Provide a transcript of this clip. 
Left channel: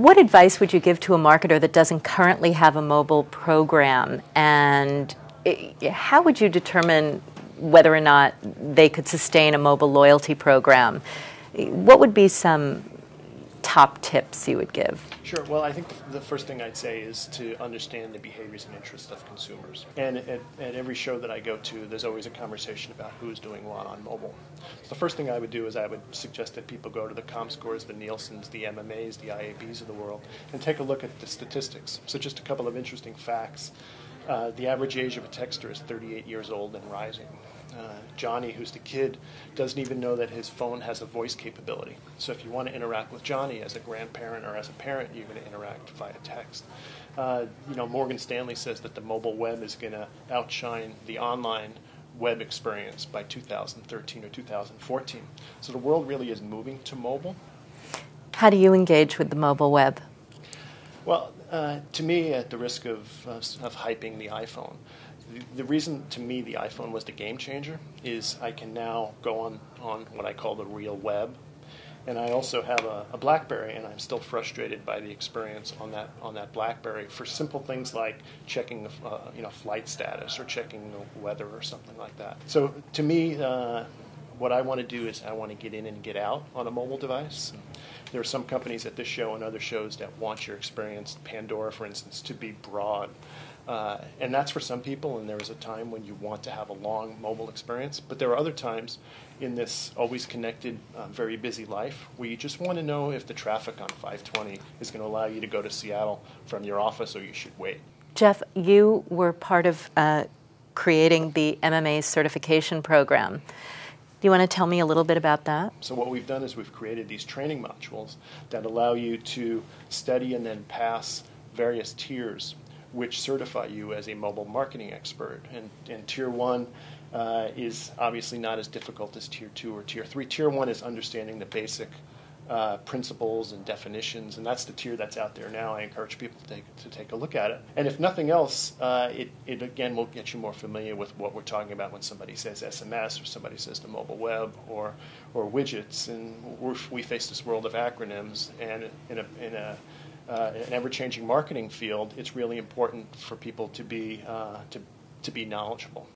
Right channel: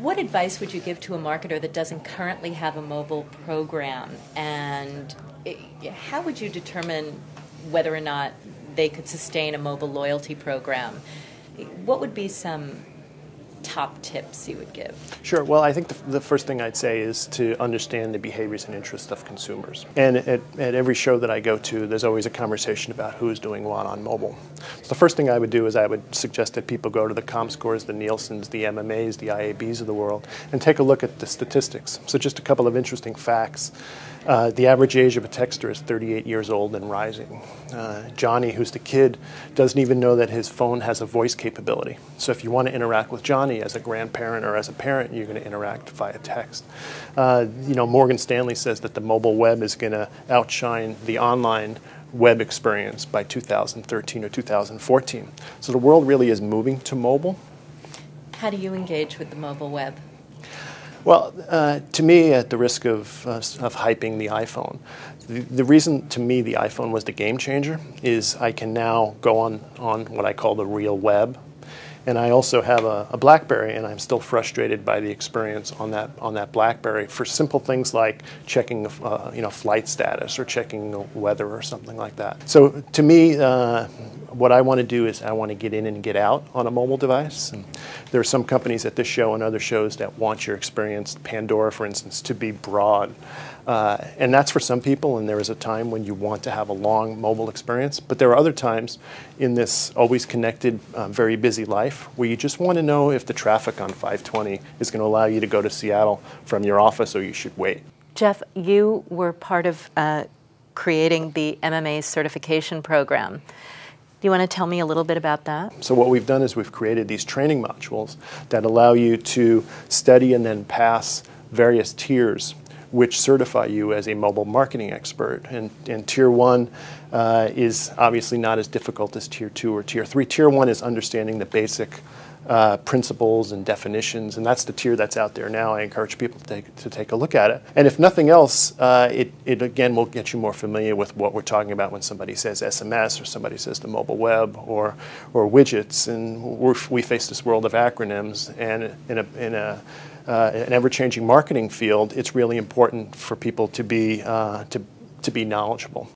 What advice would you give to a marketer that doesn't currently have a mobile program, and how would you determine whether or not they could sustain a mobile loyalty program? What would be some top tips you would give? Sure. Well, I think the first thing I'd say is to understand the behaviors and interests of consumers. And at every show that I go to, there's always a conversation about who's doing what on mobile. So the first thing I would do is I would suggest that people go to the ComScores, the Nielsen's, the MMAs, the IABs of the world, and take a look at the statistics. So just a couple of interesting facts. The average age of a texter is 38 years old and rising. Johnny, who's the kid, doesn't even know that his phone has a voice capability. So if you want to interact with Johnny as a grandparent or as a parent, you're going to interact via text. Morgan Stanley says that the mobile web is going to outshine the online web experience by 2013 or 2014. So the world really is moving to mobile. How do you engage with the mobile web? Well, to me, at the risk of hyping the iPhone, the reason to me the iPhone was the game changer is I can now go on what I call the real web, and I also have a BlackBerry, and I'm still frustrated by the experience on that BlackBerry for simple things like checking flight status or checking the weather or something like that. So to me, what I want to do is I want to get in and get out on a mobile device. And there are some companies at this show and other shows that want your experience, Pandora for instance, to be broad. And that's for some people, and there is a time when you want to have a long mobile experience. But there are other times in this always connected, very busy life where you just want to know if the traffic on 520 is going to allow you to go to Seattle from your office or you should wait. Jeff, you were part of creating the MMA certification program. Do you want to tell me a little bit about that? So what we've done is we've created these training modules that allow you to study and then pass various tiers which certify you as a mobile marketing expert. And Tier 1 is obviously not as difficult as Tier 2 or Tier 3. Tier 1 is understanding the basic principles and definitions, and that's the tier that's out there now. I encourage people to take a look at it. And if nothing else, it again will get you more familiar with what we're talking about when somebody says SMS or somebody says the mobile web or widgets. And we face this world of acronyms, and in an ever-changing marketing field, it's really important for people to be knowledgeable.